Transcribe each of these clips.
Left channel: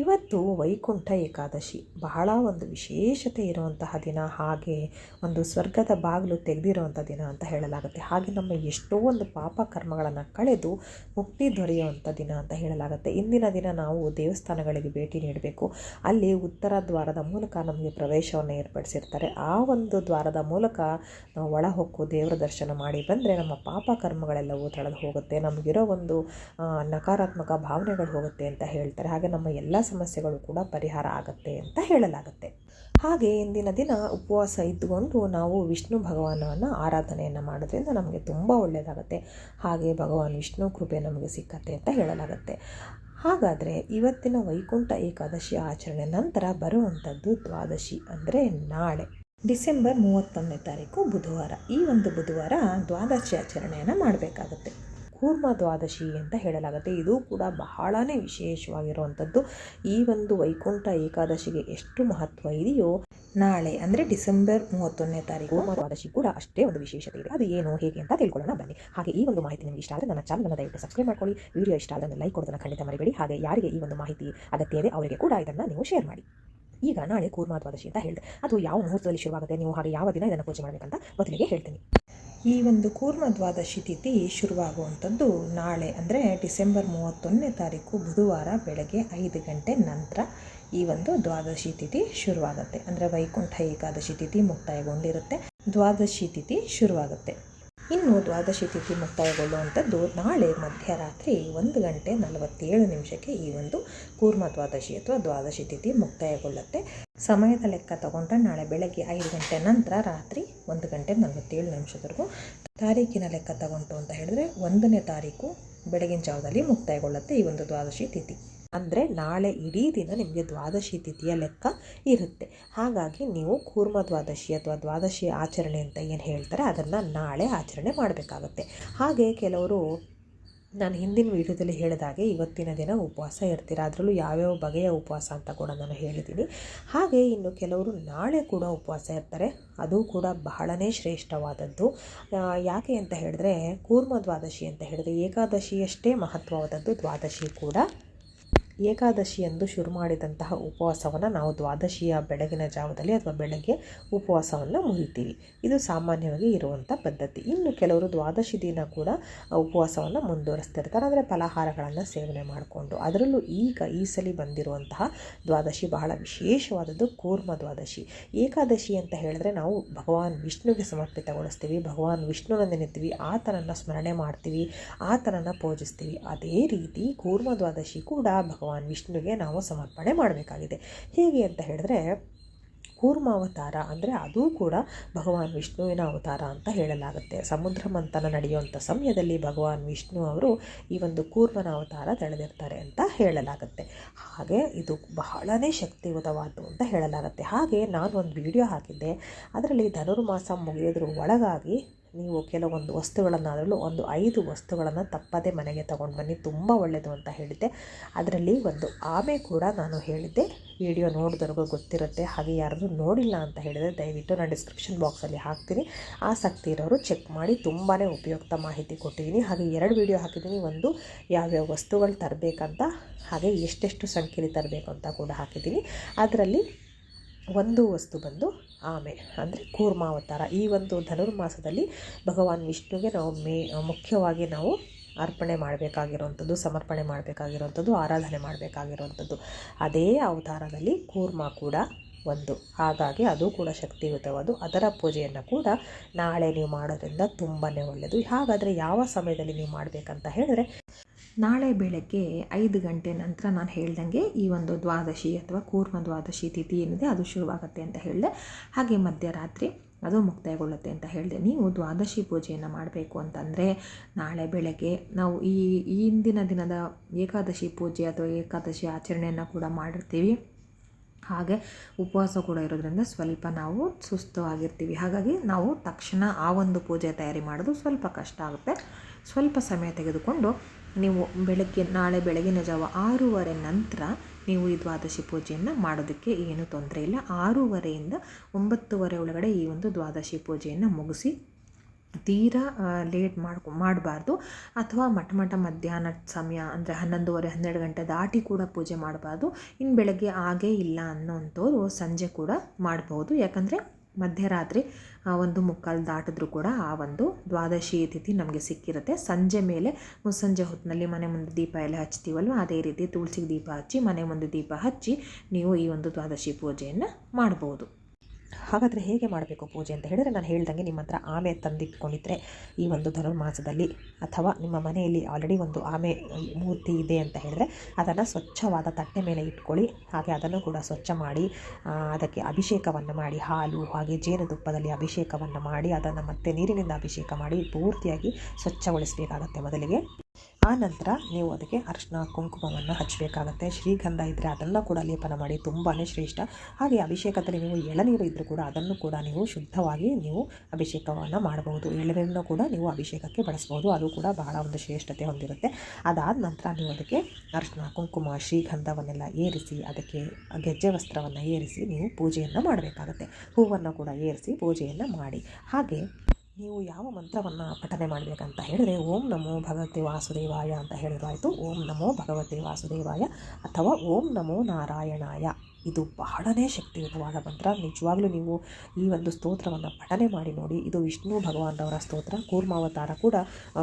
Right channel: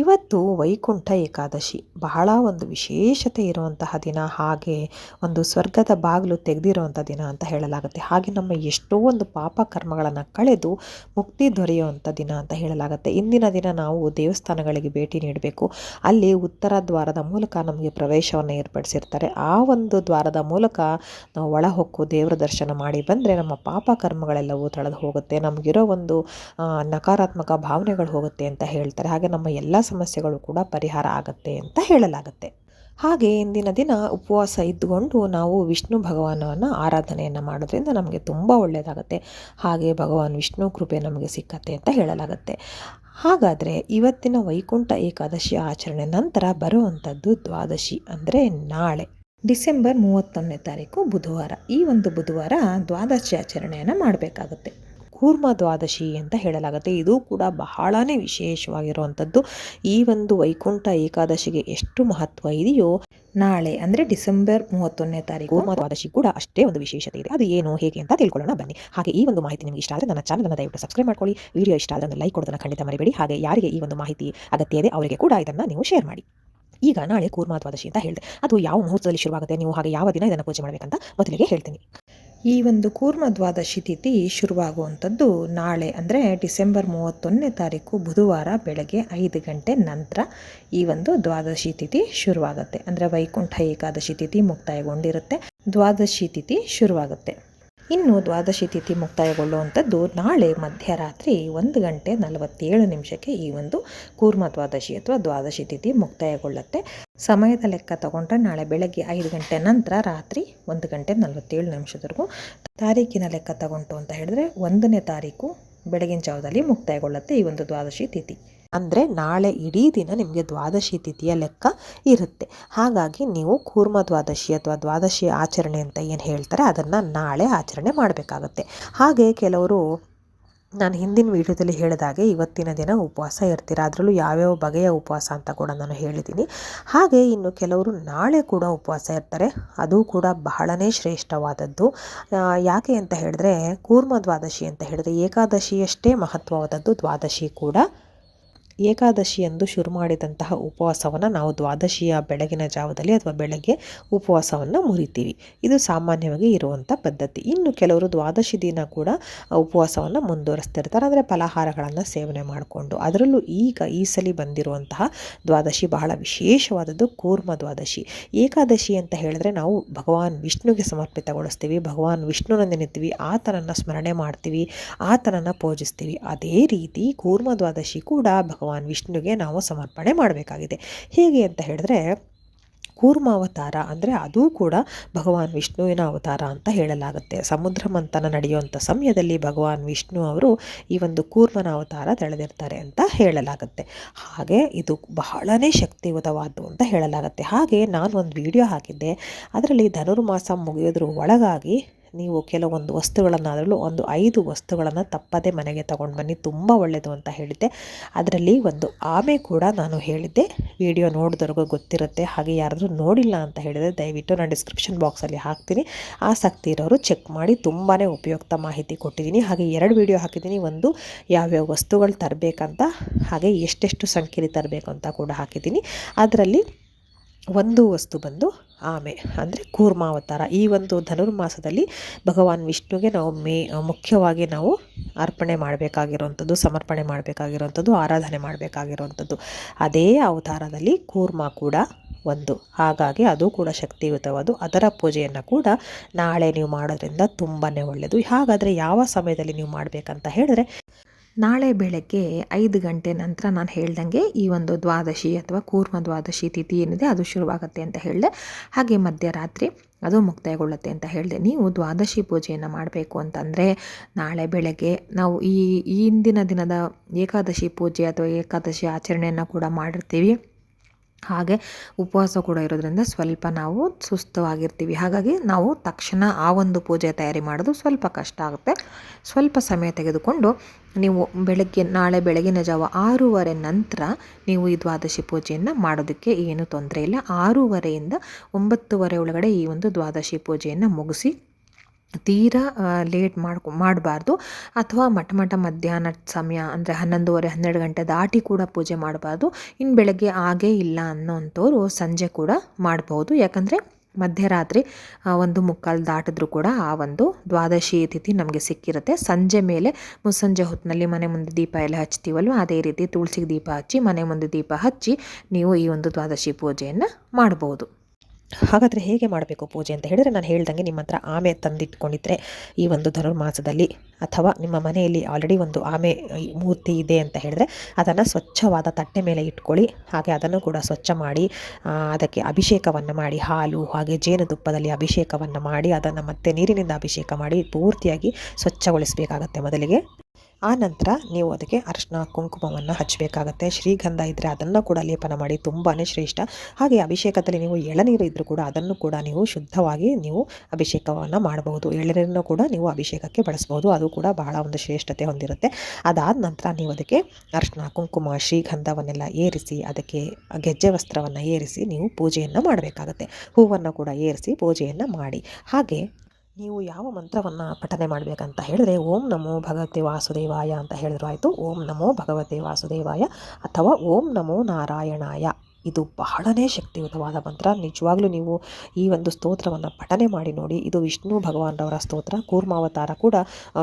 ಇವತ್ತು ವೈಕುಂಠ ಏಕಾದಶಿ ಬಹಳ ಒಂದು ವಿಶೇಷತೆ ಇರುವಂತಹ ದಿನ, ಹಾಗೆ ಒಂದು ಸ್ವರ್ಗದ ಬಾಗಿಲು ತೆಗೆದಿರುವಂಥ ದಿನ ಅಂತ ಹೇಳಲಾಗುತ್ತೆ. ಹಾಗೆ ನಮ್ಮ ಎಷ್ಟೋ ಒಂದು ಪಾಪ ಕರ್ಮಗಳನ್ನು ಕಳೆದು ಮುಕ್ತಿ ದೊರೆಯುವಂಥ ದಿನ ಅಂತ ಹೇಳಲಾಗುತ್ತೆ. ಇಂದಿನ ದಿನ ನಾವು ದೇವಸ್ಥಾನಗಳಿಗೆ ಭೇಟಿ ನೀಡಬೇಕು. ಅಲ್ಲಿ ಉತ್ತರ ದ್ವಾರದ ಮೂಲಕ ನಮಗೆ ಪ್ರವೇಶವನ್ನು ಏರ್ಪಡಿಸಿರ್ತಾರೆ. ಆ ಒಂದು ದ್ವಾರದ ಮೂಲಕ ನಾವು ಒಳ ಹೊಕ್ಕು ದೇವರ ದರ್ಶನ ಮಾಡಿ ಬಂದರೆ ನಮ್ಮ ಪಾಪ ಕರ್ಮಗಳೆಲ್ಲವೂ ತಳೆದು ಹೋಗುತ್ತೆ. ನಮಗಿರೋ ಒಂದು ನಕಾರಾತ್ಮಕ ಭಾವನೆಗಳು ಹೋಗುತ್ತೆ ಅಂತ ಹೇಳ್ತಾರೆ. ಹಾಗೆ ನಮ್ಮ ಎಲ್ಲ ಸಮಸ್ಯೆಗಳು ಕೂಡ ಪರಿಹಾರ ಆಗುತ್ತೆ ಅಂತ ಹೇಳಲಾಗುತ್ತೆ. ಹಾಗೆ ಇಂದಿನ ದಿನ ಉಪವಾಸ ಇದ್ದುಕೊಂಡು ನಾವು ವಿಷ್ಣು ಭಗವಾನವನ್ನು ಆರಾಧನೆಯನ್ನು ಮಾಡೋದ್ರಿಂದ ನಮಗೆ ತುಂಬ ಒಳ್ಳೆಯದಾಗುತ್ತೆ ಹಾಗೆ ಭಗವಾನ್ ವಿಷ್ಣು ಕೃಪೆ ನಮಗೆ ಸಿಕ್ಕತ್ತೆ ಅಂತ ಹೇಳಲಾಗುತ್ತೆ. ಹಾಗಾದರೆ ಇವತ್ತಿನ ವೈಕುಂಠ ಏಕಾದಶಿ ಆಚರಣೆ ನಂತರ ಬರುವಂಥದ್ದು ದ್ವಾದಶಿ ಅಂದರೆ ನಾಳೆ. ಡಿಸೆಂಬರ್ ಮೂವತ್ತೊಂದನೇ ತಾರೀಕು ಬುಧವಾರ. ಈ ಒಂದು ಬುಧವಾರ ದ್ವಾದಶಿ ಆಚರಣೆಯನ್ನು ಮಾಡಬೇಕಾಗುತ್ತೆ. ಕೂರ್ಮ ದ್ವಾದಶಿ ಅಂತ ಹೇಳಲಾಗುತ್ತೆ. ಇದು ಕೂಡ ಬಹಳನೇ ವಿಶೇಷವಾಗಿರುವಂಥದ್ದು. ಈ ಒಂದು ವೈಕುಂಠ ಏಕಾದಶಿಗೆ ಎಷ್ಟು ಮಹತ್ವ ಇದೆಯೋ ನಾಳೆ, ಅಂದರೆ ಡಿಸೆಂಬರ್ ಮೂವತ್ತೊಂದನೇ ತಾರೀಕು ದ್ವಾದಶಿ ಕೂಡ ಅಷ್ಟೇ ಒಂದು ವಿಶೇಷತೆ ಇದೆ. ಅದು ಏನು, ಹೇಗೆ ಅಂತ ತಿಳ್ಕೊಳ್ಳೋಣ ಬನ್ನಿ. ಹಾಗೆ ಈ ಒಂದು ಮಾಹಿತಿ ನಿಮಗೆ ಇಷ್ಟ ಆದರೆ ನನ್ನ ಚಾನಲ್ನ ದಯವಿಟ್ಟು ಸಬ್ಸ್ಕ್ರೈಬ್ ಮಾಡ್ಕೊಳ್ಳಿ. ವಿಡಿಯೋ ಇಷ್ಟ ಆದರೆ ಲೈಕ್ ಕೊಡೋದನ್ನು ಖಂಡಿತ ಮರಿಬೇಡಿ. ಹಾಗೆ ಯಾರಿಗೆ ಈ ಒಂದು ಮಾಹಿತಿ ಅಗತ್ಯ ಇದೆ, ಅವರಿಗೆ ಕೂಡ ಇದನ್ನು ನೀವು ಶೇರ್ ಮಾಡಿ. ಈಗ ನಾಳೆ ಕೂರ್ಮ ದ್ವಾದಶಿ ಅಂತ ಹೇಳಿದೆ. ಅದು ಯಾವ ಮುಹೂರ್ತದಲ್ಲಿ ಶುರುವಾಗುತ್ತೆ? ನೀವು ಹಾಗೆ ಯಾವ ದಿನ ಇದನ್ನು ಪೂಜೆ ಮಾಡಬೇಕಂತ ಮೊದಲಿಗೆ ಹೇಳ್ತೀನಿ. ಈ ಒಂದು ಕೂರ್ಮ ದ್ವಾದಶಿ ತಿಥಿ ಶುರುವಾಗುವಂಥದ್ದು ನಾಳೆ, ಅಂದರೆ ಡಿಸೆಂಬರ್ ಮೂವತ್ತೊಂದನೇ ತಾರೀಕು ಬುಧವಾರ ಬೆಳಗ್ಗೆ ಐದು ಗಂಟೆ ನಂತರ ಈ ಒಂದು ದ್ವಾದಶಿ ತಿಥಿ ಶುರುವಾಗುತ್ತೆ. ಅಂದರೆ ವೈಕುಂಠ ಏಕಾದಶಿ ತಿಥಿ ಮುಕ್ತಾಯಗೊಂಡಿರುತ್ತೆ. ದ್ವಾದಶಿ ತಿಥಿ ಶುರುವಾಗುತ್ತೆ. ಇನ್ನು ದ್ವಾದಶಿ ತಿಥಿ ಮುಕ್ತಾಯಗೊಳ್ಳುವಂಥದ್ದು ನಾಳೆ ಮಧ್ಯರಾತ್ರಿ ಒಂದು ಗಂಟೆ ನಲವತ್ತೇಳು ನಿಮಿಷಕ್ಕೆ ಈ ಒಂದು ಕೂರ್ಮ ದ್ವಾದಶಿ ಅಥವಾ ದ್ವಾದಶಿ ತಿಥಿ ಮುಕ್ತಾಯಗೊಳ್ಳುತ್ತೆ. ಸಮಯದ ಲೆಕ್ಕ ತಗೊಂಡ್ರೆ ನಾಳೆ ಬೆಳಗ್ಗೆ ಐದು ಗಂಟೆ ನಂತರ ರಾತ್ರಿ ಒಂದು ಗಂಟೆ ನಲವತ್ತೇಳು ನಿಮಿಷದವರೆಗೂ ತಾರೀಕಿನ ಲೆಕ್ಕ ತಗೊಂಡು ಅಂತ ಹೇಳಿದ್ರೆ ಒಂದನೇ ತಾರೀಕು ಬೆಳಗಿನ ಜಾವದಲ್ಲಿ ಮುಕ್ತಾಯಗೊಳ್ಳುತ್ತೆ ಈ ಒಂದು ದ್ವಾದಶಿ ತಿಥಿ. ಅಂದರೆ ನಾಳೆ ಇಡೀ ದಿನ ನಿಮಗೆ ದ್ವಾದಶಿ ತಿಥಿಯ ಲೆಕ್ಕ ಇರುತ್ತೆ. ಹಾಗಾಗಿ ನೀವು ಕೂರ್ಮ ದ್ವಾದಶಿ ಅಥವಾ ದ್ವಾದಶಿ ಆಚರಣೆ ಅಂತ ಏನು ಹೇಳ್ತಾರೆ, ಅದನ್ನು ನಾಳೆ ಆಚರಣೆ ಮಾಡಬೇಕಾಗತ್ತೆ. ಹಾಗೆ ಕೆಲವರು, ನಾನು ಹಿಂದಿನ ವಿಡಿಯೋದಲ್ಲಿ ಹೇಳಿದಾಗೆ ಇವತ್ತಿನ ದಿನ ಉಪವಾಸ ಇರ್ತೀರ, ಅದರಲ್ಲೂ ಯಾವ್ಯಾವ ಬಗೆಯ ಉಪವಾಸ ಅಂತ ಕೂಡ ನಾನು ಹೇಳಿದ್ದೀನಿ ಹಾಗೆ ಇನ್ನು ಕೆಲವರು ನಾಳೆ ಕೂಡ ಉಪವಾಸ ಇರ್ತಾರೆ, ಅದು ಕೂಡ ಬಹಳನೇ ಶ್ರೇಷ್ಠವಾದದ್ದು. ಯಾಕೆ ಅಂತ ಹೇಳಿದ್ರೆ, ಕೂರ್ಮ ದ್ವಾದಶಿ ಅಂತ ಹೇಳಿದ್ರೆ ಏಕಾದಶಿಯಷ್ಟೇ ಮಹತ್ವವಾದದ್ದು ದ್ವಾದಶಿ ಕೂಡ. ಏಕಾದಶಿಯಂದು ಶುರು ಮಾಡಿದಂತಹ ಉಪವಾಸವನ್ನು ನಾವು ದ್ವಾದಶಿಯ ಬೆಳಗಿನ ಜಾವದಲ್ಲಿ ಅಥವಾ ಬೆಳಗ್ಗೆ ಉಪವಾಸವನ್ನು ಮುರಿತೀವಿ. ಇದು ಸಾಮಾನ್ಯವಾಗಿ ಇರುವಂಥ ಪದ್ಧತಿ. ಇನ್ನು ಕೆಲವರು ದ್ವಾದಶಿ ದಿನ ಕೂಡ ಉಪವಾಸವನ್ನು ಮುಂದುವರಿಸ್ತಿರ್ತಾರೆ. ಅಂದರೆ ಫಲಾಹಾರಗಳನ್ನು ಸೇವನೆ ಮಾಡಿಕೊಂಡು. ಅದರಲ್ಲೂ ಈಗ ಈ ಸಲ ಬಂದಿರುವಂತಹ ದ್ವಾದಶಿ ಬಹಳ ವಿಶೇಷವಾದದ್ದು ಕೂರ್ಮ ದ್ವಾದಶಿ. ಏಕಾದಶಿ ಅಂತ ಹೇಳಿದ್ರೆ ನಾವು ಭಗವಾನ್ ವಿಷ್ಣುಗೆ ಸಮರ್ಪಿತಗೊಳಿಸ್ತೀವಿ. ಭಗವಾನ್ ವಿಷ್ಣುನ ನೆನೆತೀವಿ. ಆತನನ್ನು ಸ್ಮರಣೆ ಮಾಡ್ತೀವಿ. ಆತನನ್ನು ಪೂಜಿಸ್ತೀವಿ. ಅದೇ ರೀತಿ ಕೂರ್ಮ ದ್ವಾದಶಿ ಕೂಡ ಭಗವಾನ್ ವಿಷ್ಣುಗೆ ನಾವು ಸಮರ್ಪಣೆ ಮಾಡಬೇಕಾಗಿದೆ. ಹೇಗೆ ಅಂತ ಹೇಳಿದ್ರೆ ಕೂರ್ಮಾವತಾರ ಅಂದರೆ ಅದೂ ಕೂಡ ಭಗವಾನ್ ವಿಷ್ಣುವಿನ ಅವತಾರ ಅಂತ ಹೇಳಲಾಗುತ್ತೆ. ಸಮುದ್ರ ಮಂಥನ ನಡೆಯುವಂಥ ಸಮಯದಲ್ಲಿ ಭಗವಾನ್ ವಿಷ್ಣು ಅವರು ಈ ಒಂದು ಕೂರ್ಮನ ಅವತಾರ ತಳೆದಿರ್ತಾರೆ ಅಂತ ಹೇಳಲಾಗುತ್ತೆ. ಹಾಗೆ ಇದು ಬಹಳನೇ ಶಕ್ತಿಯುತವಾದ್ದು ಅಂತ ಹೇಳಲಾಗುತ್ತೆ. ಹಾಗೆ ನಾನು ಒಂದು ವಿಡಿಯೋ ಹಾಕಿದ್ದೆ. ಅದರಲ್ಲಿ ಧನುರ್ಮಾಸ ಮುಗಿಯೋದ್ರ ಒಳಗಾಗಿ ನೀವು ಕೆಲವೊಂದು ವಸ್ತುಗಳನ್ನಾದರೂ ಒಂದು ಐದು ವಸ್ತುಗಳನ್ನು ತಪ್ಪದೆ ಮನೆಗೆ ತಗೊಂಡು ಬನ್ನಿ, ತುಂಬ ಒಳ್ಳೆಯದು ಅಂತ ಹೇಳಿದ್ದೆ. ಅದರಲ್ಲಿ ಒಂದು ಆಮೆ ಕೂಡ ನಾನು ಹೇಳಿದ್ದೆ. ವಿಡಿಯೋ ನೋಡಿದವ್ರಿಗೂ ಗೊತ್ತಿರುತ್ತೆ. ಹಾಗೆ ಯಾರಾದರೂ ನೋಡಿಲ್ಲ ಅಂತ ಹೇಳಿದರೆ ದಯವಿಟ್ಟು ನಾನು ಡಿಸ್ಕ್ರಿಪ್ಷನ್ ಬಾಕ್ಸಲ್ಲಿ ಹಾಕ್ತೀನಿ. ಆಸಕ್ತಿ ಇರೋರು ಚೆಕ್ ಮಾಡಿ ತುಂಬಾ ಉಪಯುಕ್ತ ಮಾಹಿತಿ ಕೊಟ್ಟಿದ್ದೀನಿ. ಹಾಗೆ ಎರಡು ವಿಡಿಯೋ ಹಾಕಿದ್ದೀನಿ. ಒಂದು ಯಾವ್ಯಾವ ವಸ್ತುಗಳು ತರಬೇಕಂತ, ಹಾಗೆ ಎಷ್ಟೆಷ್ಟು ಸಂಖ್ಯೆಯಲ್ಲಿ ತರಬೇಕು ಅಂತ ಕೂಡ ಹಾಕಿದ್ದೀನಿ. ಅದರಲ್ಲಿ ಒಂದು ವಸ್ತು ಬಂದು ಆಮೆ ಅಂದರೆ ಕೂರ್ಮಾವತಾರ. ಈ ಒಂದು ಧನುರ್ಮಾಸದಲ್ಲಿ ಭಗವಾನ್ ವಿಷ್ಣುಗೆ ನಾವು ಮೇ, ಮುಖ್ಯವಾಗಿ ನಾವು ಅರ್ಪಣೆ ಮಾಡಬೇಕಾಗಿರುವಂಥದ್ದು, ಸಮರ್ಪಣೆ ಮಾಡಬೇಕಾಗಿರುವಂಥದ್ದು, ಆರಾಧನೆ ಮಾಡಬೇಕಾಗಿರುವಂಥದ್ದು. ಅದೇ ಅವತಾರದಲ್ಲಿ ಕೂರ್ಮ ಕೂಡ ಒಂದು. ಹಾಗಾಗಿ ಅದು ಕೂಡ ಶಕ್ತಿಯುತವಾದು ಅದರ ಪೂಜೆಯನ್ನು ಕೂಡ ನಾಳೆ ನೀವು ಮಾಡೋದ್ರಿಂದ ತುಂಬಾ ಒಳ್ಳೆಯದು. ಹಾಗಾದರೆ ಯಾವ ಸಮಯದಲ್ಲಿ ನೀವು ಮಾಡಬೇಕಂತ ಹೇಳಿದ್ರೆ ನಾಳೆ ಬೆಳಗ್ಗೆ ಐದು ಗಂಟೆ ನಂತರ ನಾನು ಹೇಳ್ದಂಗೆ ಈ ಒಂದು ದ್ವಾದಶಿ ಅಥವಾ ಕೂರ್ಮ ದ್ವಾದಶಿ ತಿಥಿ ಏನಿದೆ ಅದು ಶುರುವಾಗುತ್ತೆ ಅಂತ ಹೇಳಿದೆ. ಹಾಗೆ ಮಧ್ಯರಾತ್ರಿ ಅದು ಮುಕ್ತಾಯಗೊಳ್ಳುತ್ತೆ ಅಂತ ಹೇಳಿದೆ. ನೀವು ದ್ವಾದಶಿ ಪೂಜೆಯನ್ನು ಮಾಡಬೇಕು ಅಂತಂದರೆ ನಾಳೆ ಬೆಳಗ್ಗೆ ನಾವು ಈ ಹಿಂದಿನ ದಿನದ ಏಕಾದಶಿ ಪೂಜೆ ಅಥವಾ ಏಕಾದಶಿ ಆಚರಣೆಯನ್ನು ಕೂಡ ಮಾಡಿರ್ತೀವಿ. ಹಾಗೆ ಉಪವಾಸ ಕೂಡ ಇರೋದ್ರಿಂದ ಸ್ವಲ್ಪ ನಾವು ಸುಸ್ತವಾಗಿರ್ತೀವಿ ಹಾಗಾಗಿ ನಾವು ತಕ್ಷಣ ಆ ಒಂದು ಪೂಜೆ ತಯಾರಿ ಮಾಡೋದು ಸ್ವಲ್ಪ ಕಷ್ಟ ಆಗುತ್ತೆ. ಸ್ವಲ್ಪ ಸಮಯ ತೆಗೆದುಕೊಂಡು ನೀವು ಬೆಳಗ್ಗೆ, ನಾಳೆ ಬೆಳಗಿನ ಜಾವ ಆರೂವರೆ ನಂತರ ನೀವು ಈ ದ್ವಾದಶಿ ಪೂಜೆಯನ್ನು ಮಾಡೋದಕ್ಕೆ ಏನು ತೊಂದರೆ ಇಲ್ಲ. ಆರೂವರೆಯಿಂದ ಒಂಬತ್ತುವರೆ ಒಳಗಡೆ ಈ ಒಂದು ದ್ವಾದಶಿ ಪೂಜೆಯನ್ನು ಮುಗಿಸಿ ತೀರಾ ಲೇಟ್ ಮಾಡ್ಕೊ, ಮಾಡಬಾರ್ದು. ಅಥವಾ ಮಠ ಮಠ ಮಧ್ಯಾಹ್ನದ ಸಮಯ, ಅಂದರೆ ಹನ್ನೊಂದುವರೆ, ಹನ್ನೆರಡು ಗಂಟೆ ದಾಟಿ ಕೂಡ ಪೂಜೆ ಮಾಡಬಾರ್ದು. ಇನ್ನು ಬೆಳಗ್ಗೆ ಆಗೇ ಇಲ್ಲ ಅನ್ನೋಂಥವ್ರು ಸಂಜೆ ಕೂಡ ಮಾಡ್ಬೋದು. ಯಾಕಂದರೆ ಮಧ್ಯರಾತ್ರಿ ಒಂದು ಮುಕ್ಕಾಲು ದಾಟಿದ್ರೂ ಕೂಡ ಆ ಒಂದು ದ್ವಾದಶಿ ತಿಥಿ ನಮಗೆ ಸಿಕ್ಕಿರುತ್ತೆ. ಸಂಜೆ ಮೇಲೆ ಮುಸ್ಸಂಜೆ ಹೊತ್ತಿನಲ್ಲಿ ಮನೆ ಮುಂದೆ ದೀಪ ಎಲ್ಲ ಹಚ್ತೀವಲ್ವ? ಅದೇ ರೀತಿ ತುಳಸಿಗೆ ದೀಪ ಹಚ್ಚಿ ಮನೆ ಮುಂದೆ ದೀಪ ಹಚ್ಚಿ ನೀವು ಈ ಒಂದು ದ್ವಾದಶಿ ಪೂಜೆಯನ್ನು ಮಾಡ್ಬೋದು. ಹಾಗಾದರೆ ಹೇಗೆ ಮಾಡಬೇಕು ಪೂಜೆ ಅಂತ ಹೇಳಿದರೆ ನಾನು ಹೇಳ್ದಂಗೆ ನಿಮ್ಮ ಹತ್ರ ಆಮೆ ತಂದಿಟ್ಕೊಂಡಿದ್ರೆ ಈ ಒಂದು ಧನುರ್ಮಾಸದಲ್ಲಿ ಅಥವಾ ನಿಮ್ಮ ಮನೆಯಲ್ಲಿ ಆಲ್ರೆಡಿ ಒಂದು ಆಮೆ ಮೂರ್ತಿ ಇದೆ ಅಂತ ಹೇಳಿದ್ರೆ ಅದನ್ನು ಸ್ವಚ್ಛವಾದ ತಟ್ಟೆ ಮೇಲೆ ಇಟ್ಕೊಳ್ಳಿ. ಹಾಗೆ ಅದನ್ನು ಕೂಡ ಸ್ವಚ್ಛ ಮಾಡಿ ಅದಕ್ಕೆ ಅಭಿಷೇಕವನ್ನು ಮಾಡಿ, ಹಾಲು, ಹಾಗೆ ಜೇನುತುಪ್ಪದಲ್ಲಿ ಅಭಿಷೇಕವನ್ನು ಮಾಡಿ, ಅದನ್ನು ಮತ್ತೆ ನೀರಿನಿಂದ ಅಭಿಷೇಕ ಮಾಡಿ ಪೂರ್ತಿಯಾಗಿ ಸ್ವಚ್ಛಗೊಳಿಸಬೇಕಾಗತ್ತೆ ಮೊದಲಿಗೆ. ಆ ನಂತರ ನೀವು ಅದಕ್ಕೆ ಅರಿಶಿನ, ಕುಂಕುಮವನ್ನು ಹಚ್ಚಬೇಕಾಗತ್ತೆ ಶ್ರೀಗಂಧ ಇದ್ದರೆ ಅದನ್ನು ಕೂಡ ಲೇಪನ ಮಾಡಿ ತುಂಬಾ ಶ್ರೇಷ್ಠ. ಹಾಗೆ ಅಭಿಷೇಕದಲ್ಲಿ ನೀವು ಎಳನೀರು ಇದ್ದರೂ ಕೂಡ ಅದನ್ನು ಕೂಡ ನೀವು ಶುದ್ಧವಾಗಿ ನೀವು ಅಭಿಷೇಕವನ್ನು ಮಾಡಬಹುದು. ಎಳನೀರನ್ನು ಕೂಡ ನೀವು ಅಭಿಷೇಕಕ್ಕೆ ಬಳಸ್ಬೋದು. ಅದು ಕೂಡ ಬಹಳ ಒಂದು ಶ್ರೇಷ್ಠತೆ ಹೊಂದಿರುತ್ತೆ. ಅದಾದ ನಂತರ ನೀವು ಅದಕ್ಕೆ ಅರಿಶಿನ, ಕುಂಕುಮ, ಶ್ರೀಗಂಧವನ್ನೆಲ್ಲ ಏರಿಸಿ, ಅದಕ್ಕೆ ಗೆಜ್ಜೆ ವಸ್ತ್ರವನ್ನು ಏರಿಸಿ ನೀವು ಪೂಜೆಯನ್ನು ಮಾಡಬೇಕಾಗತ್ತೆ. ಹೂವನ್ನು ಕೂಡ ಏರಿಸಿ ಪೂಜೆಯನ್ನು ಮಾಡಿ. ಹಾಗೆ ನೀವು ಯಾವ ಮಂತ್ರವನ್ನು ಪಠನೆ ಮಾಡಬೇಕಂತ ಹೇಳಿದ್ರೆ ಓಂ ನಮೋ ಭಗವತೆ ವಾಸುದೇವಾಯ ಅಂತ ಹೇಳಿದ್ರು ಆಯಿತು. ಓಂ ನಮೋ ಭಗವತೆ ವಾಸುದೇವಾಯ ಅಥವಾ ಓಂ ನಮೋ ನಾರಾಯಣಾಯ. ಇದು ಬಹಳನೇ ಶಕ್ತಿಯುತವಾದ ಮಂತ್ರ. ನಿಜವಾಗ್ಲೂ ನೀವು ಈ ಒಂದು ಸ್ತೋತ್ರವನ್ನು ಪಠನೆ ಮಾಡಿ ನೋಡಿ. ಇದು ವಿಷ್ಣು ಭಗವಾನ್ರವರ ಸ್ತೋತ್ರ. ಕೂರ್ಮಾವತಾರ ಕೂಡ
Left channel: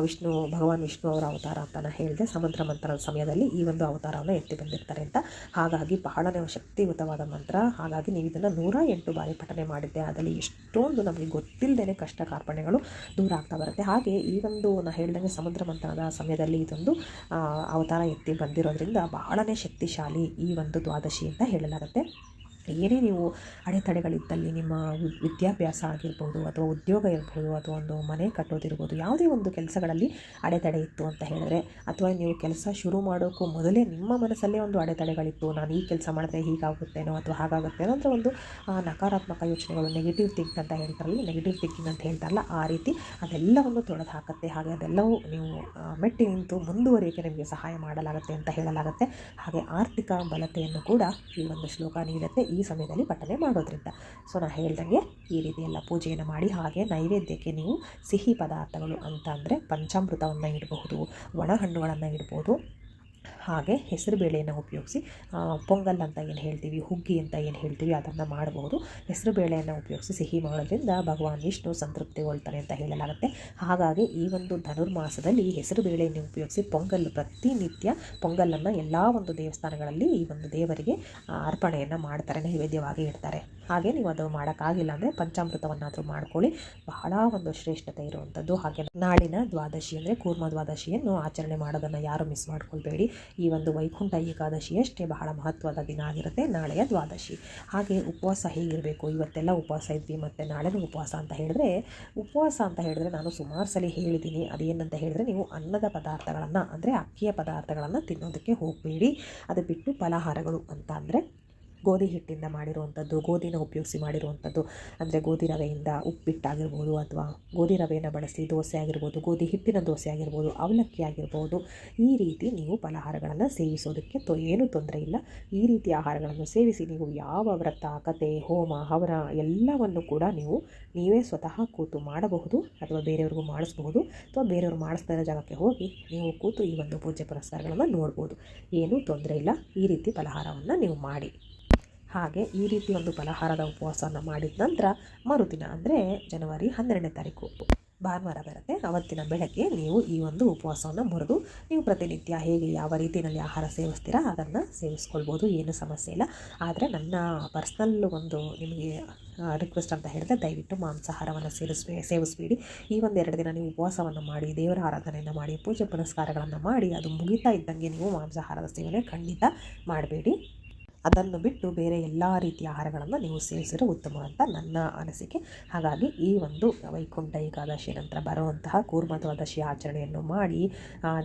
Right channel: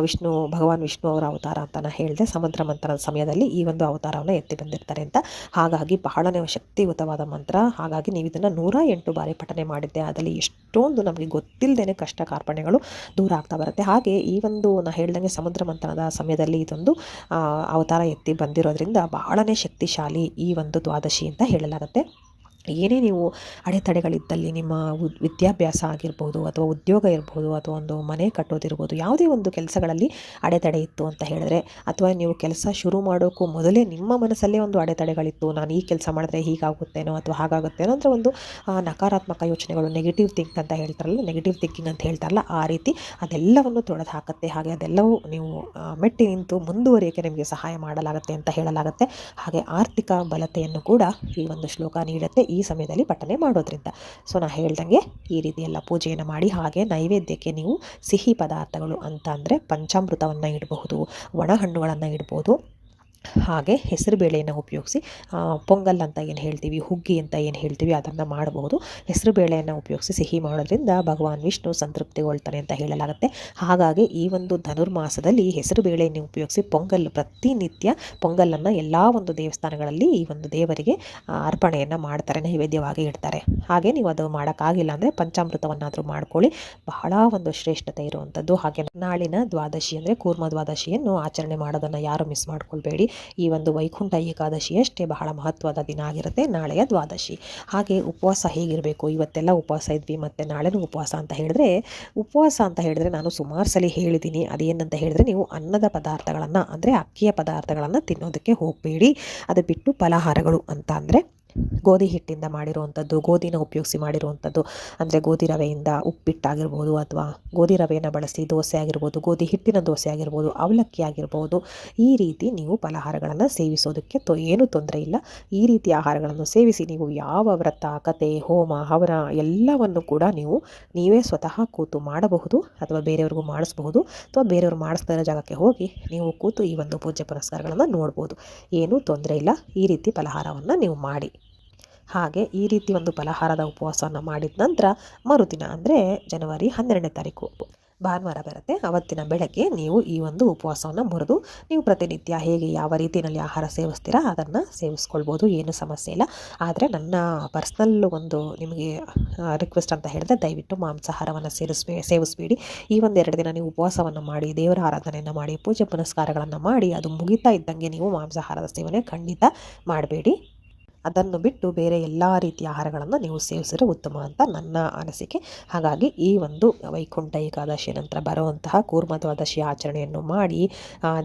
ವಿಷ್ಣು ಭಗವಾನ್ ವಿಷ್ಣು ಅವರ ಅವತಾರ ಅಂತ ನಾನು ಹೇಳಿದೆ. ಸಮುದ್ರ ಮಂತ್ರದ ಸಮಯದಲ್ಲಿ ಈ ಒಂದು ಅವತಾರವನ್ನು ಎತ್ತಿ ಬಂದಿರ್ತಾರೆ ಅಂತ. ಹಾಗಾಗಿ ಬಹಳನೇ ಶಕ್ತಿಯುತವಾದ ಮಂತ್ರ. ಹಾಗಾಗಿ ನೀವು ಇದನ್ನು ನೂರ ಎಂಟು ಬಾರಿ ಪಠನೆ ಮಾಡಿದ್ದೆ. ಅದರಲ್ಲಿ ಎಷ್ಟೊಂದು ನಮಗೆ ಗೊತ್ತಿಲ್ಲದೇ ಕಷ್ಟ ಕಾರ್ಪಣ್ಯಗಳು ದೂರ ಆಗ್ತಾ ಬರುತ್ತೆ. ಹಾಗೆ ಈ ಒಂದು ನಾನು ಹೇಳ್ದಂಗೆ ಸಮುದ್ರ ಮಂಥನದ ಸಮಯದಲ್ಲಿ ಇದೊಂದು ಅವತಾರ ಎತ್ತಿ ಬಂದಿರೋದ್ರಿಂದ ಬಹಳನೇ ಶಕ್ತಿಶಾಲಿ ಈ ಒಂದು ದ್ವಾದಶಿ ಅಂತ ಹೇಳಲಾಗುತ್ತೆ. ಆಗುತ್ತೆ ಏನೇ ನೀವು ಅಡೆತಡೆಗಳಿದ್ದಲ್ಲಿ ನಿಮ್ಮ ವಿದ್ಯಾಭ್ಯಾಸ ಆಗಿರ್ಬೋದು ಅಥವಾ ಉದ್ಯೋಗ ಇರ್ಬೋದು ಅಥವಾ ಒಂದು ಮನೆ ಕಟ್ಟೋದಿರ್ಬೋದು, ಯಾವುದೇ ಒಂದು ಕೆಲಸಗಳಲ್ಲಿ ಅಡೆತಡೆ ಇತ್ತು ಅಂತ ಹೇಳಿದ್ರೆ ಅಥವಾ ನೀವು ಕೆಲಸ ಶುರು ಮಾಡೋಕ್ಕೂ ಮೊದಲೇ ನಿಮ್ಮ ಮನಸ್ಸಲ್ಲೇ ಒಂದು ಅಡೆತಡೆಗಳಿತ್ತು, ನಾನು ಈ ಕೆಲಸ ಮಾಡಿದ್ರೆ ಹೀಗಾಗುತ್ತೇನೋ ಅಥವಾ ಹಾಗಾಗುತ್ತೇನೋ ಅಂದರೆ ಒಂದು ನಕಾರಾತ್ಮಕ ಯೋಚನೆಗಳು ನೆಗೆಟಿವ್ ಥಿಂಕ್ ಅಂತ ಹೇಳ್ತಾರಲ್ಲ ನೆಗೆಟಿವ್ ಥಿಂಕಿಂಗ್ ಅಂತ ಹೇಳ್ತಾರಲ್ಲ, ಆ ರೀತಿ ಅದೆಲ್ಲವನ್ನು ತೊಡೆದು ಹಾಕುತ್ತೆ. ಹಾಗೆ ಅದೆಲ್ಲವೂ ನೀವು ಮೆಟ್ಟಿ ನಿಂತು ಮುಂದುವರಿಯೋಕ್ಕೆ ನಿಮಗೆ ಸಹಾಯ ಮಾಡಲಾಗುತ್ತೆ ಅಂತ ಹೇಳಲಾಗುತ್ತೆ. ಹಾಗೆ ಆರ್ಥಿಕ ಬಲತೆಯನ್ನು ಕೂಡ ಈ ಒಂದು ಶ್ಲೋಕ ನೀಡುತ್ತೆ. ಈ ಸಮಯದಲ್ಲಿ ಬಟ್ಟಲೆ ಮಾಡೋದ್ರಿಂದ. ಸೊ ನಾನು ಹೇಳ್ದಂಗೆ ಈ ರೀತಿ ಎಲ್ಲ ಪೂಜೆಯನ್ನು ಮಾಡಿ, ಹಾಗೆ ನೈವೇದ್ಯಕ್ಕೆ ನೀವು ಸಿಹಿ ಪದಾರ್ಥಗಳು ಅಂತ ಅಂದರೆ ಪಂಚಾಮೃತವನ್ನು ಇಡಬಹುದು, ಒಣ ಹಣ್ಣುಗಳನ್ನು ಇಡ್ಬೋದು. ಹಾಗೆ ಹೆಸರು ಬೇಳೆಯನ್ನು ಉಪಯೋಗಿಸಿ ಪೊಂಗಲ್ ಅಂತ ಏನು ಹೇಳ್ತೀವಿ, ಹುಗ್ಗಿ ಅಂತ ಏನು ಹೇಳ್ತೀವಿ, ಅದನ್ನು ಮಾಡಬಹುದು ಹೆಸರು ಬೇಳೆಯನ್ನು ಉಪಯೋಗಿಸಿ ಸಿಹಿ ಮಾಡೋದ್ರಿಂದ ಭಗವಾನ್ ವಿಷ್ಣು ಸಂತೃಪ್ತಿಗೊಳ್ತಾನೆ ಅಂತ ಹೇಳಲಾಗುತ್ತೆ. ಹಾಗಾಗಿ ಈ ಒಂದು ಧನುರ್ಮಾಸದಲ್ಲಿ ಹೆಸರು ಬೇಳೆಯನ್ನು ಉಪಯೋಗಿಸಿ ಪೊಂಗಲ್ ಪ್ರತಿನಿತ್ಯ ಪೊಂಗಲನ್ನು ಎಲ್ಲ ಒಂದು ದೇವಸ್ಥಾನಗಳಲ್ಲಿ ಈ ಒಂದು ದೇವರಿಗೆ ಅರ್ಪಣೆಯನ್ನು ಮಾಡ್ತಾರೆ, ನೈವೇದ್ಯವಾಗಿ ಇಡ್ತಾರೆ. ಹಾಗೆ ನೀವು ಅದು ಮಾಡೋಕ್ಕಾಗಿಲ್ಲ ಅಂದರೆ ಪಂಚಾಮೃತವನ್ನಾದರೂ ಮಾಡ್ಕೊಳ್ಳಿ. ಬಹಳ ಒಂದು ಶ್ರೇಷ್ಠತೆ ಇರುವಂಥದ್ದು ಹಾಗೆ ನಾಳಿನ ದ್ವಾದಶಿ ಅಂದರೆ ಕೂರ್ಮ ದ್ವಾದಶಿಯನ್ನು ಆಚರಣೆ ಮಾಡೋದನ್ನು ಯಾರು ಮಿಸ್ ಮಾಡ್ಕೊಳ್ಬೇಡಿ. ಈ ಒಂದು ವೈಕುಂಠ ಏಕಾದಶಿ ಅಷ್ಟೇ ಬಹಳ ಮಹತ್ವದ ದಿನ ಆಗಿರುತ್ತೆ, ನಾಳೆಯ ದ್ವಾದಶಿ. ಹಾಗೆ ಉಪವಾಸ ಹೇಗಿರಬೇಕು? ಇವತ್ತೆಲ್ಲ ಉಪವಾಸ ಇದ್ವಿ, ಮತ್ತು ನಾಳೆನೂ ಉಪವಾಸ ಅಂತ ಹೇಳಿದ್ರೆ, ಉಪವಾಸ ಅಂತ ಹೇಳಿದ್ರೆ ನಾನು ಸುಮಾರು ಸಲ ಹೇಳಿದ್ದೀನಿ. ಅದೇನಂತ ಹೇಳಿದ್ರೆ ನೀವು ಅನ್ನದ ಪದಾರ್ಥಗಳನ್ನು, ಅಂದರೆ ಅಕ್ಕಿಯ ಪದಾರ್ಥಗಳನ್ನು ತಿನ್ನೋದಕ್ಕೆ ಹೋಗಬೇಡಿ. ಅದು ಬಿಟ್ಟು ಫಲಹಾರಗಳು ಅಂತ ಅಂದರೆ ಗೋಧಿ ಹಿಟ್ಟಿಂದ ಮಾಡಿರುವಂಥದ್ದು, ಗೋಧಿನ ಉಪಯೋಗಿಸಿ ಮಾಡಿರುವಂಥದ್ದು, ಅಂದರೆ ಗೋಧಿ ರವೆಯಿಂದ ಉಪ್ಪಿಟ್ಟಾಗಿರ್ಬೋದು ಅಥವಾ ಗೋಧಿ ರವೆಯನ್ನು ಬಳಸಿ ದೋಸೆ ಆಗಿರ್ಬೋದು, ಗೋಧಿ ಹಿಟ್ಟಿನ ದೋಸೆ ಆಗಿರ್ಬೋದು, ಅವಲಕ್ಕಿ ಆಗಿರ್ಬೋದು, ಈ ರೀತಿ ನೀವು ಫಲಹಾರಗಳನ್ನು ಸೇವಿಸೋದಕ್ಕೆ ತೊ ಏನೂ ತೊಂದರೆ ಇಲ್ಲ. ಈ ರೀತಿ ಆಹಾರಗಳನ್ನು ಸೇವಿಸಿ ನೀವು ಯಾವ ವ್ರತ ಕತೆ ಹೋಮ, ಹವನ ಎಲ್ಲವನ್ನು ಕೂಡ ನೀವು, ನೀವೇ ಸ್ವತಃ ಕೂತು ಮಾಡಬಹುದು ಅಥವಾ ಬೇರೆಯವ್ರಿಗೂ ಮಾಡಿಸ್ಬಹುದು. ಅಥವಾ ಬೇರೆಯವರು ಮಾಡಿಸ್ತಾ ಜಾಗಕ್ಕೆ ಹೋಗಿ ನೀವು ಕೂತು ಈ ಒಂದು ಪೂಜೆ ಪುರಸ್ಕಾರಗಳನ್ನು ನೋಡ್ಬೋದು. ಏನೂ ತೊಂದರೆ ಇಲ್ಲ. ಈ ರೀತಿ ಫಲಹಾರವನ್ನು ನೀವು ಮಾಡಿ. ಹಾಗೆ ಈ ರೀತಿ ಒಂದು ಫಲಹಾರದ ಉಪವಾಸವನ್ನು ಮಾಡಿದ ನಂತರ ಮರುದಿನ ಅಂದರೆ ಜನವರಿ ಹನ್ನೆರಡನೇ ತಾರೀಕು ಭಾನುವಾರ ಬರುತ್ತೆ. ಅವತ್ತಿನ ಬೆಳಗ್ಗೆ ನೀವು ಈ ಒಂದು ಉಪವಾಸವನ್ನು ಮುರಿದು ನೀವು ಪ್ರತಿನಿತ್ಯ ಹೇಗೆ ಯಾವ ರೀತಿಯಲ್ಲಿ ಆಹಾರ ಸೇವಿಸ್ತೀರಾ ಅದನ್ನು ಸೇವಿಸ್ಕೊಳ್ಬೋದು, ಏನು ಸಮಸ್ಯೆ ಇಲ್ಲ. ಆದರೆ ನನ್ನ ಪರ್ಸ್ನಲ್ ಒಂದು ನಿಮಗೆ ರಿಕ್ವೆಸ್ಟ್ ಅಂತ ಹೇಳಿದ್ರೆ ದಯವಿಟ್ಟು ಮಾಂಸಾಹಾರವನ್ನು ಸೇರಿಸ್ಬೇ, ಸೇವಿಸ್ಬೇಡಿ. ಈ ಒಂದು ಎರಡು ದಿನ ನೀವು ಉಪವಾಸವನ್ನು ಮಾಡಿ, ದೇವರ ಆರಾಧನೆಯನ್ನು ಮಾಡಿ, ಪೂಜೆ ಪುನಸ್ಕಾರಗಳನ್ನು ಮಾಡಿ, ಅದು ಮುಗಿತಾ ಇದ್ದಂಗೆ ನೀವು ಮಾಂಸಾಹಾರದ ಸೇವನೆ ಖಂಡಿತ ಮಾಡಬೇಡಿ. ಅದನ್ನು ಬಿಟ್ಟು ಬೇರೆ ಎಲ್ಲ ರೀತಿಯ ಆಹಾರಗಳನ್ನು ನೀವು ಸೇವಿಸಿದ್ರೆ ಉತ್ತಮ ಅಂತ ನನ್ನ ಅನಿಸಿಕೆ. ಹಾಗಾಗಿ ಈ ಒಂದು ವೈಕುಂಠ ಏಕಾದಶಿ ನಂತರ ಬರುವಂತಹ ಕೂರ್ಮ ದ್ವಾದಶಿ ಆಚರಣೆಯನ್ನು ಮಾಡಿ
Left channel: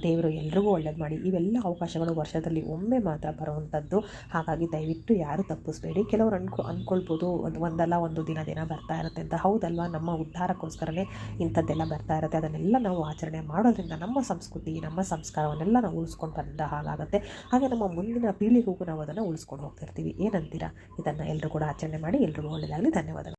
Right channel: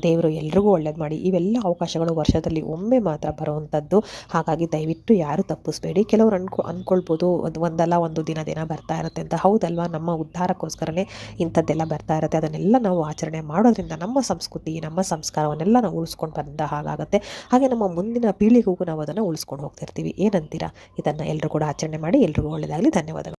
ದೇವರು ಎಲ್ರಿಗೂ ಒಳ್ಳೇದು ಮಾಡಿ, ಇವೆಲ್ಲ ಅವಕಾಶಗಳು ವರ್ಷದಲ್ಲಿ ಒಮ್ಮೆ ಮಾತ್ರ ಬರುವಂಥದ್ದು. ಹಾಗಾಗಿ ದಯವಿಟ್ಟು ಯಾರು ತಪ್ಪಿಸ್ಬೇಡಿ. ಕೆಲವರು ಅನ್ಕೊ ಅಂದ್ಕೊಳ್ಬೋದು ಒಂದು, ಒಂದಲ್ಲ ಒಂದು ದಿನ ದಿನ ಬರ್ತಾ ಇರುತ್ತೆ ಅಂತ. ಹೌದಲ್ವಾ? ನಮ್ಮ ಉದ್ಧಾರಕ್ಕೋಸ್ಕರನೇ ಇಂಥದ್ದೆಲ್ಲ ಬರ್ತಾ ಇರುತ್ತೆ. ಅದನ್ನೆಲ್ಲ ನಾವು ಆಚರಣೆ ಮಾಡೋದ್ರಿಂದ ನಮ್ಮ ಸಂಸ್ಕೃತಿ, ನಮ್ಮ ಸಂಸ್ಕಾರವನ್ನೆಲ್ಲ ನಾವು ಉಳಿಸ್ಕೊಂಡು ಬಂದ ಹಾಗಾಗುತ್ತೆ. ಹಾಗೆ ನಮ್ಮ ಮುಂದಿನ ಪೀಳಿಗೆಗೂ ನಾವು ಅದನ್ನು ಉಳಿಸ್ಕೊಂಡು ಹೋಗ್ತಿರ್ತೀವಿ ಏನಂತೀರಾ? ಇದನ್ನು ಎಲ್ಲರೂ ಕೂಡ ಆಚರಣೆ ಮಾಡಿ ಎಲ್ರಿಗೂ ಒಳ್ಳೆಯದಾಗಲಿ ಧನ್ಯವಾದಗಳು.